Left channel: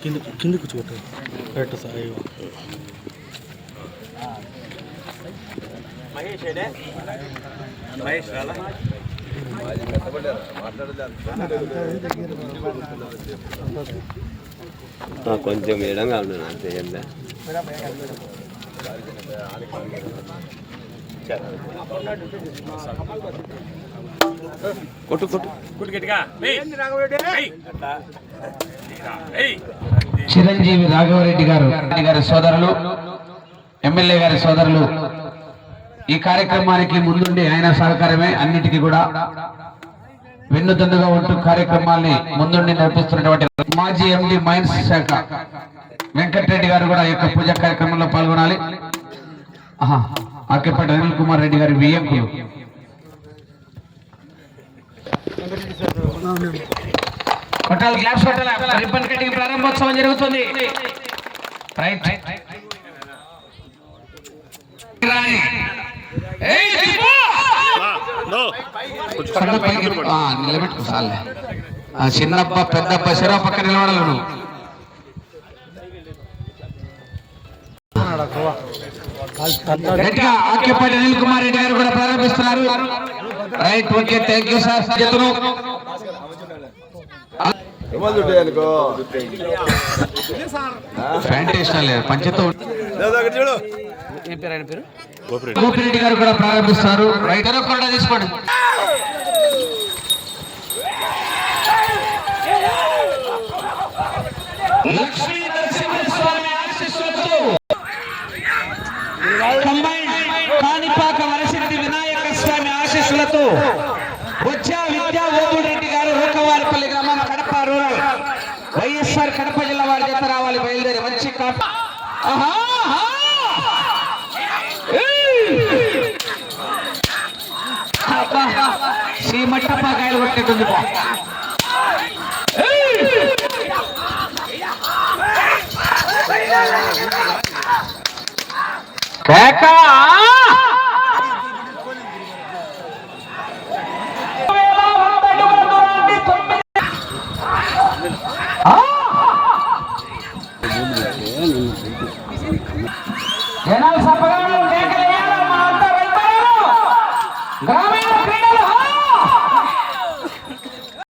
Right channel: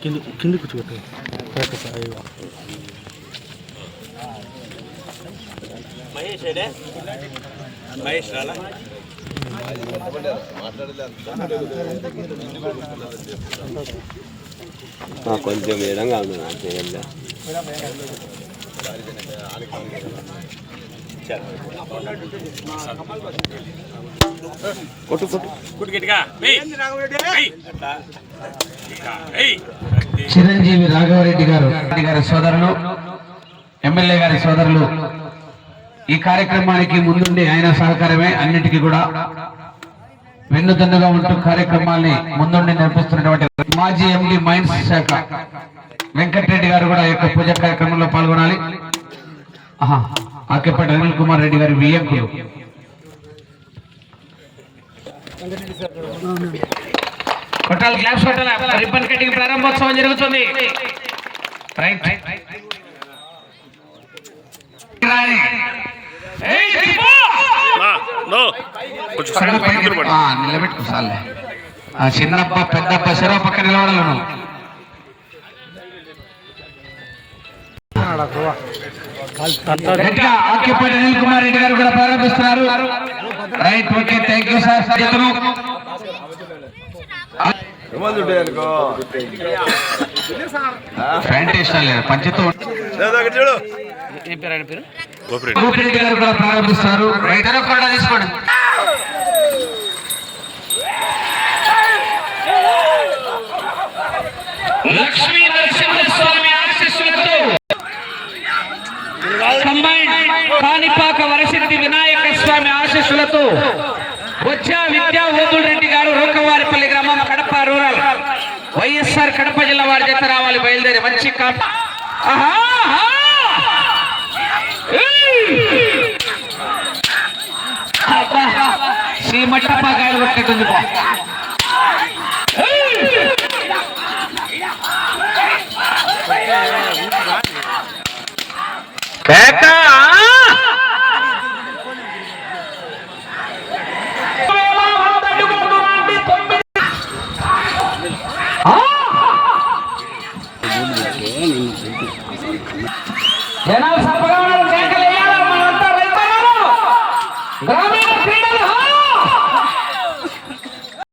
కింది కింది సార్ అయ్యో. మహేష్ మహేష్ రాలా? కొంచెం ఎడంగా ఉంది నాకు తెలియదు కొట్టు కొట్టు. గట్టిగా. చిరంజీవి రాఘవరెడ్డి గారు రెడ్డి గారి సోదరులు ఎమ్మెల్యే గారి సోదరులు ఈ కార్యక్రమానికి ముందుండి ఆయన సహకారమే అన్నిటికీ కూడా వెన్నుదన్నుగా ఉంటూ కార్యక్రమాల్ని ముందుండి నడిపిస్తున్నటువంటి మాజీ ఎండి మైన్స్ శాఖ వెంకటరెడ్డి గారు కూడా ఈ యొక్క పూజ కార్యక్రమంలో పాల్గొనాలి. ఆహా, ఆకేపాటి అనిల్ కుమార్ రెడ్డి గారి వియ్యంకులు కొట్టాలి క్లాప్స్ కొట్టాలి రిబ్బన్ కటింగ్ ప్రారంభోత్సవం జరుగుతుంది. రైట్. నిలబెట్టుకో చిన్నప్ప పెద్దప్ప పక్క గట్టిగా ఆక్యుపైడ్ అనిల్ కుమార్ రెడ్డి గారు కూడా ప్రారంభిస్తున్నారు. Right okay thank you sir సభ్యతను Gopireddy garu కూడా ప్రారంభిస్తారు రైట్ కూడా తీసుకోండి. లక్ష్మి ఆశీస్సులతో వచ్చా విద్యా ఓదుల్ రెడ్డి గారు రూకవారిపల్లి గ్రామం కడప రూరల్. వైఎస్ఆర్ కడప జిల్లా వారి చేత రావాలి బయలుదేరి మంచి కాప ఆహా, ఆహా. శ్రీమట్టప్ప గాయలు కొట్టే కేకా! జనాలు సప్పగా కేకలు